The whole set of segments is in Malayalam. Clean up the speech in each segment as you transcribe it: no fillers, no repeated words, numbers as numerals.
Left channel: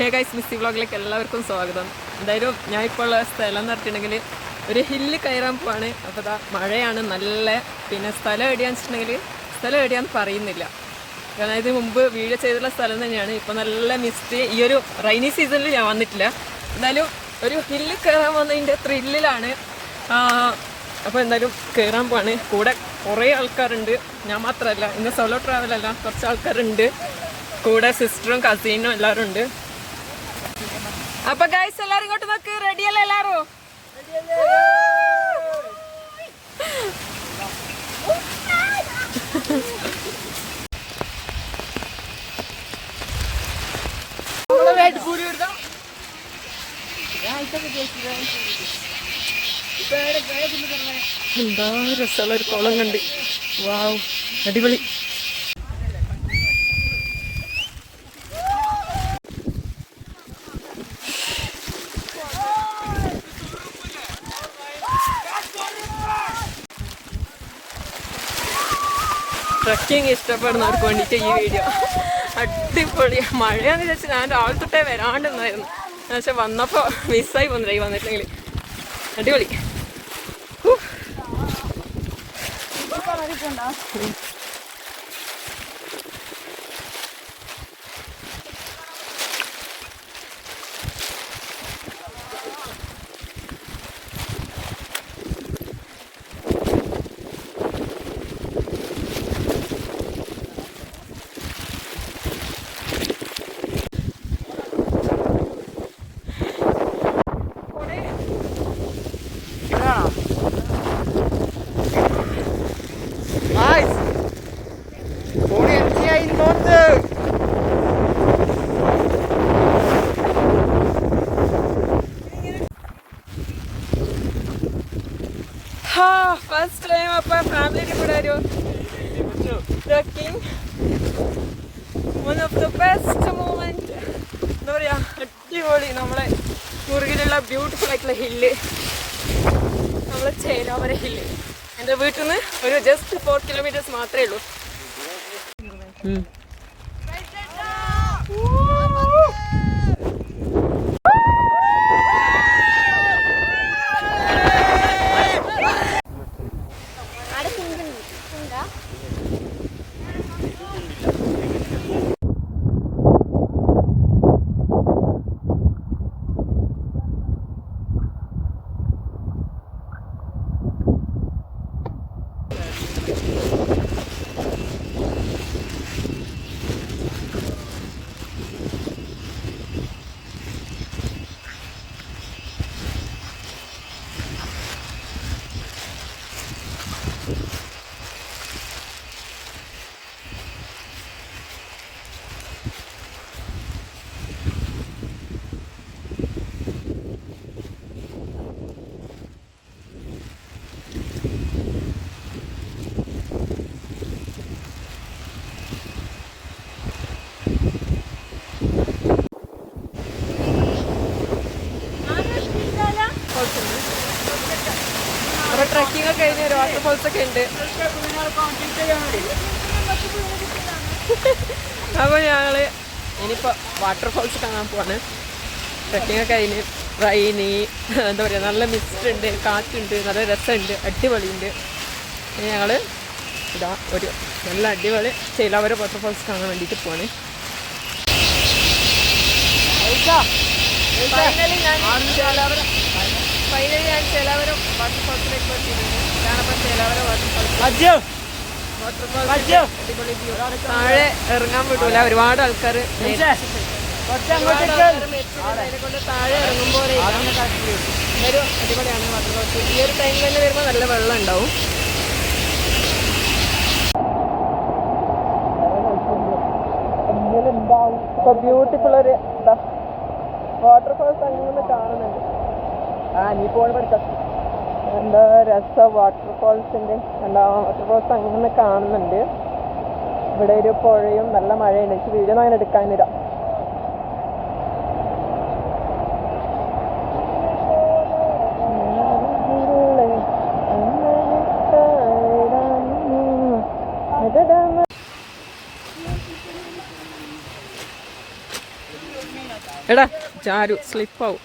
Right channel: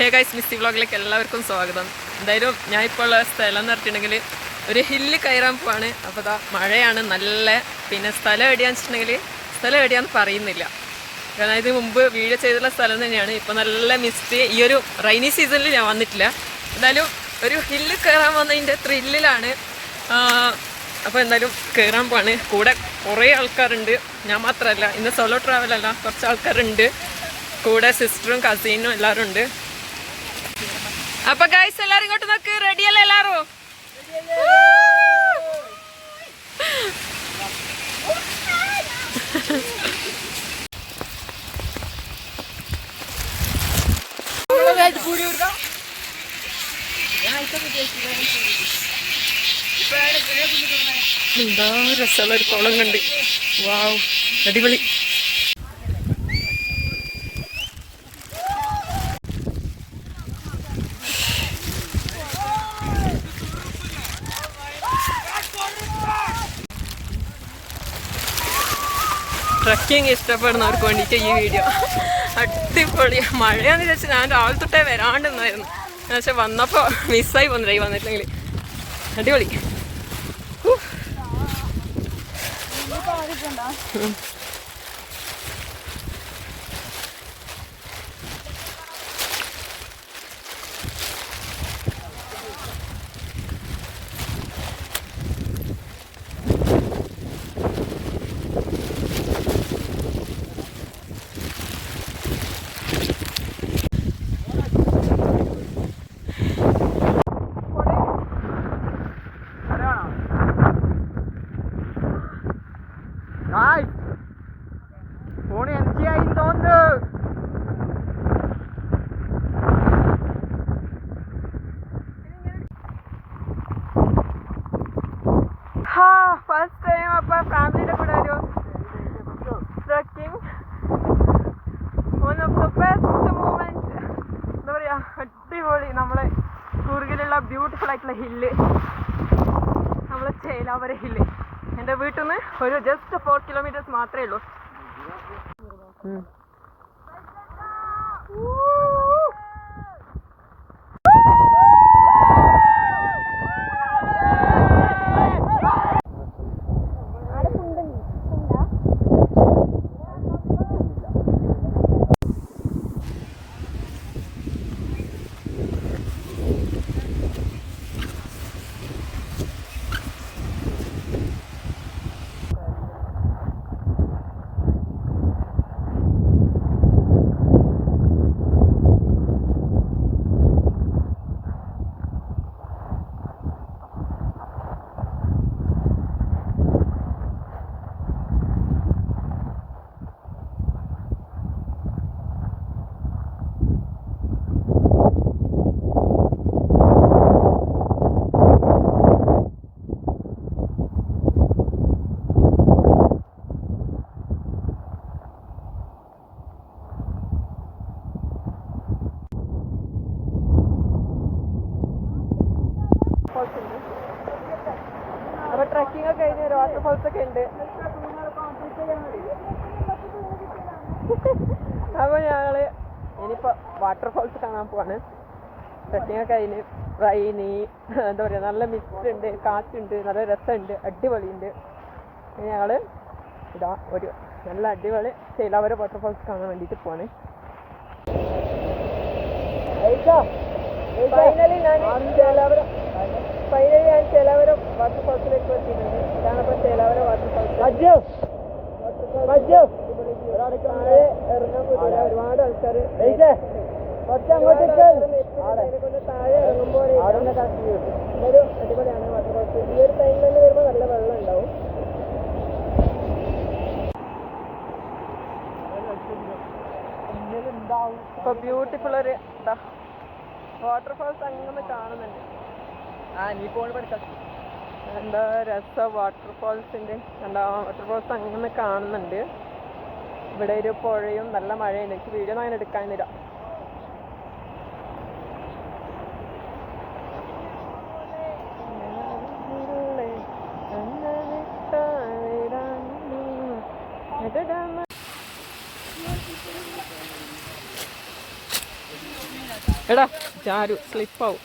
ഹേ ഗൈസ്, മിസ്സി വ്ളോഗിലേക്ക് എല്ലാവർക്കും സ്വാഗതം. എന്തായാലും ഞാൻ ഇപ്പോൾ ഉള്ള സ്ഥലം എന്ന് പറഞ്ഞിട്ടുണ്ടെങ്കിൽ ഒരു ഹില്ല് കയറാൻ പോവാണ്. അപ്പോൾ ഇതാ മഴയാണ് നല്ല. പിന്നെ സ്ഥലം എവിടെയാന്ന് വെച്ചിട്ടുണ്ടെങ്കിൽ സ്ഥലം എവിടെയാന്ന് പറയുന്നില്ല, കാരണം ഇത് മുമ്പ് വീഡിയോ ചെയ്തിട്ടുള്ള സ്ഥലം തന്നെയാണ്. ഇപ്പോൾ നല്ല മിസ്റ്റ്. ഈ ഒരു റൈനി സീസണിൽ ഞാൻ വന്നിട്ടില്ല. എന്തായാലും ഒരു ഹില്ല് കയറാൻ വന്നതിൻ്റെ ത്രില്ലിലാണ്. അപ്പോൾ എന്തായാലും കയറാൻ പോവാണ്. കൂടെ കുറേ ആൾക്കാരുണ്ട്, ഞാൻ മാത്രമല്ല. ഇന്ന് സോളോ ട്രാവലല്ല, കുറച്ച് ആൾക്കാരുണ്ട് കൂടെ. സിസ്റ്ററും കസീനും എല്ലാവരും ഉണ്ട്. അപ്പൊ ഗൈസ് എല്ലാരും ഇങ്ങോട്ട് നോക്ക്. റെഡിയല്ലേ എല്ലാരും? എന്താ രസമുള്ള ഒരു കുളം കണ്ട്. വാവ്, അടിപൊളി. ട്രക്കിങ് ഇഷ്ടപ്പെടുന്നവർക്ക് വേണ്ടിയിട്ട് ഈ വീഡിയോ അടിപൊളി. മഴയാന്ന് വിചാരിച്ച് ഞാൻ രാവിലെ തൊട്ടേ വരാണ്ടെന്നായിരുന്നു, പക്ഷെ വന്നപ്പോൾ മിസ്സായി പോകുന്നില്ല. വന്നിട്ടില്ലെങ്കിൽ അടിപൊളി. ഫസ്റ്റ് ടൈം അപ്പം ഫാമിലിയുടെ കൂടെ ഒരു trekking. One of the best moment. എന്താ പറയുക, അടിപൊളി. നമ്മളെ കൂർഗിലുള്ള ബ്യൂട്ടിഫുൾ ആയിട്ടുള്ള ഹില്ല്, നമ്മളെ ചേലാവര ഹില്ല്. എൻ്റെ വീട്ടിൽ നിന്ന് ഒരു ജസ്റ്റ് 4 കിലോമീറ്റേഴ്സ് മാത്രമേ ഉള്ളൂ. അപ്പോൾ ട്രക്കിംഗ് ഒക്കെ കഴിഞ്ഞ് ഒരു വാട്ടർഫോൾസ് ഒക്കെ ഉണ്ട്. അപ്പോൾ ഞങ്ങൾ ഇനിയിപ്പോൾ വാട്ടർഫോൾസ് കാണാൻ പോവാണ്. ട്രക്കിംഗ് ഒക്കെ കഴിഞ്ഞ് റൈനി, എന്താ പറയുക, നല്ല മിസ്റ്റ് ഉണ്ട്, കാറ്റുണ്ട്, നല്ല രസമുണ്ട്, അടിപൊളിയുണ്ട്. ഞങ്ങൾ ഇതാ ഒരു നല്ല അടിപൊളി ചേലാവര വാട്ടർഫോൾസ് കാണാൻ വേണ്ടിയിട്ട് പോവാണ്. ഫൈനലി ഞാൻ ചേലാവര വാട്ടർഫോൾസിലേക്ക് എത്തിയിട്ടുണ്ട്. ഇതാണിപ്പോൾ ചേലാവര വാട്ടർഫോൾസ്. താഴെ ഇറങ്ങാൻ പറ്റില്ല, ഒരുപാട് ആൾക്കാർ കൊണ്ട് താഴെ ഇറങ്ങുമ്പോൾ ഒരു അടിപൊളിയാണ് വാട്ടർഫോൾസ്. ഈ ഒരു ടൈമിൽ തന്നെ വരുമ്പോൾ നല്ല വെള്ളം ഉണ്ടാവും. ഇപ്പൊ ബ്യൂട്ടിഫുൾ ഒരു എന്താ വാട്ടർഫോൾസ് അങ്ങനെ കാണുന്നുണ്ട്. എന്താ രസം വാട്ടർഫോൾസിന്റെ. എന്താ വാട്ടർഫോൾസ് അങ്ങനെ കാണുന്നുണ്ട്. ഇവിടെ ഒരു പുഴയും നല്ല മഴയുണ്ട്. എനിക്ക് വീഡിയോ അങ്ങനെ എടുക്കാനില്ല. എടാ ചാരു സ്ലിപ്പാവും.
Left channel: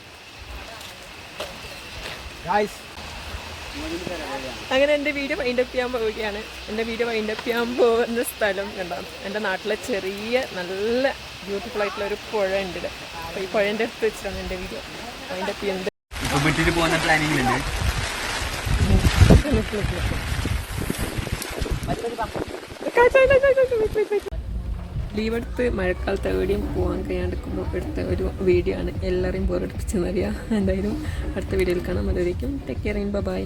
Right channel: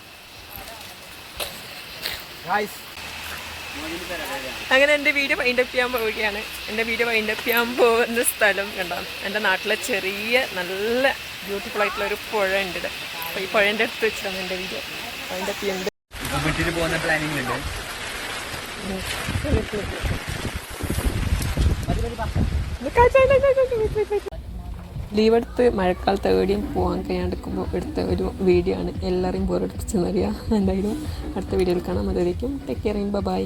അങ്ങനെ എൻ്റെ വീഡിയോ വൈൻഡപ്പ് ചെയ്യാൻ പോവുകയാണ്. എൻ്റെ വീഡിയോ വൈൻഡപ്പ് ചെയ്യാൻ പോകുന്ന സ്ഥലം കണ്ടാണ് എൻ്റെ നാട്ടിലെ ചെറിയ നല്ല ബ്യൂട്ടിഫുൾ ആയിട്ടുള്ള ഒരു പുഴ ഉണ്ട് ഇവിടെ. അപ്പോൾ ഈ പുഴേൻ്റെ അടുത്ത് വെച്ചിട്ടാണ് എൻ്റെ വീഡിയോ വൈൻഡപ്പ് ചെയ്യുന്നത്. ലീവ് എടുത്ത് മഴക്കാലത്ത് എവിടെയും പോകാൻ കഴിയാണ്ടിരിക്കുമ്പോൾ എടുത്ത ഒരു വീഡിയോ ആണ്. എല്ലാവരെയും ബോറടിപ്പിച്ചെന്നറിയാം. എന്തായാലും അടുത്ത വീഡിയോയിൽ കാണാം. അതുവരേക്കും ടേക്ക് കെയർ. ബൈ.